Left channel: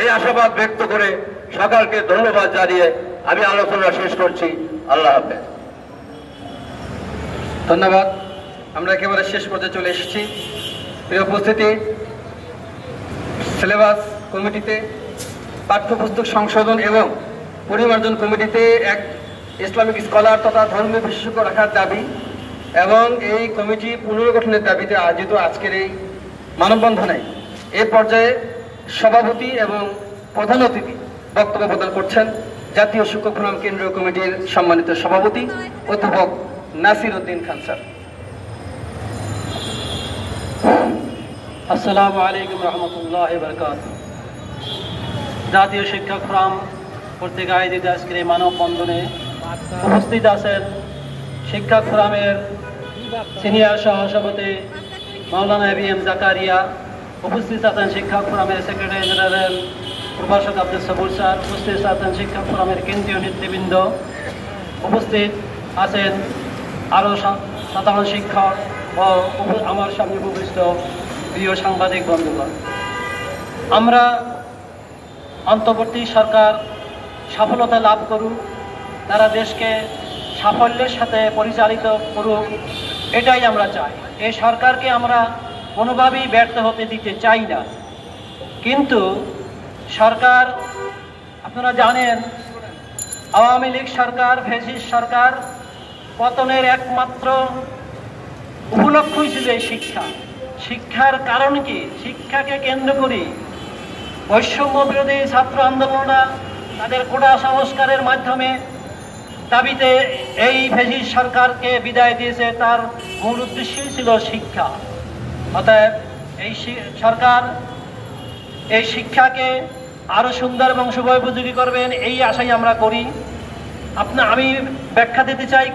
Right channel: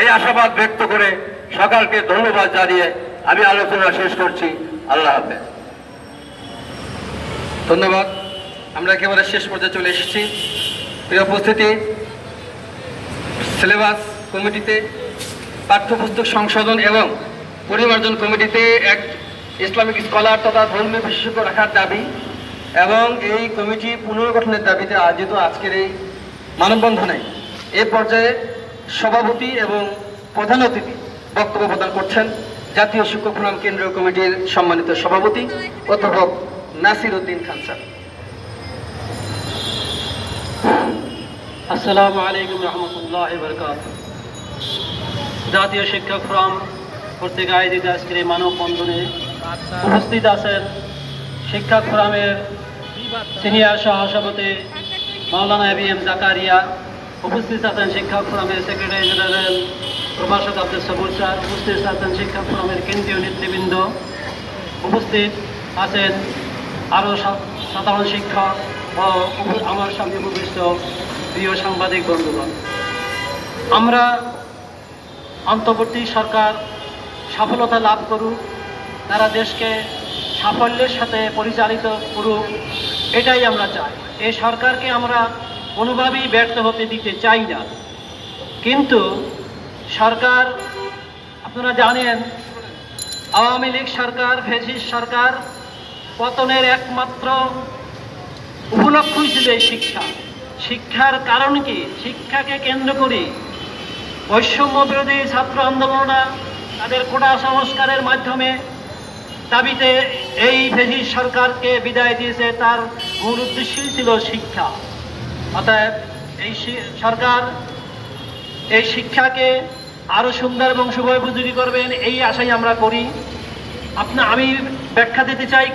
এই আশাবাদ ব্যক্ত করে সকলকে ধন্যবাদ জানিয়ে আমি আলোচনা শেষ করছি। আল্লাহ হাফেজ। ধন্যবাদ। আমরা একেবারে শেষ পর্যায়ে চলে এসেছি। প্রিয় উপস্থিতি, সিলেবাস কমিটিতে, পাঠ্যপুস্তক সংশোধন এবং পরিমার্জন কমিটিতে এক ইসলামিক স্কলার তথা ধর্মীয় বিশেষজ্ঞ রাখার দাবি এবং এই কমিটি পুনর্গঠনের দাবিতে আয়োজিত আজকের এই মানববন্ধনে এ পর্যায়ে সভাপতি এবং প্রধান অতিথি বক্তব্য প্রদান করছেন জাতীয় শিক্ষক ফোরাম কেন্দ্রীয় কমিটির সম্মানিত সভাপতি অধ্যাপক নাসির উদ্দিন খান স্যার। আসসালামু আলাইকুম রহমতুল্লাহ বারকাতুহু। জাতীয় শিক্ষক ফোরাম কর্তৃক আয়োজিত আজকের এই মানববন্ধনে উপস্থিত আছেন শিক্ষক ফোরামের সিনিয়র সহসভাপতি মাওলানা এবিএম জাকারিয়া, উপস্থিত আছেন শিক্ষক ফোরামের সেক্রেটারি জেনারেল প্রভাষক আব্দুল সবুর স্যার, উপস্থিত আছেন শিক্ষক ফোরামের কেন্দ্রীয় নেতৃবৃন্দ, উপস্থিত আছেন আরও সাধারণ শিক্ষক ও আমার সামনে উপবিষ্ট প্রিয় সাংবাদিক বন্ধুগণ। আমরা অন্তর্বর্তী সরকার সফলতা লাভ করুক, তারা দেশকে সাফল্যের সাথে পরিচালিত করুক, এটাই আমরা চাই। এই সরকারকে আমরা কোনোভাবেই ব্যর্থ হতে দিতে চাই না। কিন্তু সরকার, আপনারা জানেন, আওয়ামী লীগ সরকার, ফ্যাসিস্ট সরকার পতনের একমাত্র উপলক্ষই ছিল এই শিক্ষা। শিক্ষার কারণ কি? শিক্ষাকে কেন্দ্র করে বৈষম্য বিরোধী ছাত্র আন্দোলনরা তাদের কোটা সংস্কারের মাধ্যমে দাবিতে এই ফ্যাসিস্ট সরকারকে বিদায় দিয়েছে। তার মূল উদ্দেশ্যই ছিল শিক্ষা। অতএব এই সরকার এই শিক্ষাকে আরো সুন্দর এবং শুভোপযোগী করবেন, এই আশাই আমরা করি। আমি ব্যাখ্যা দিতে চাই।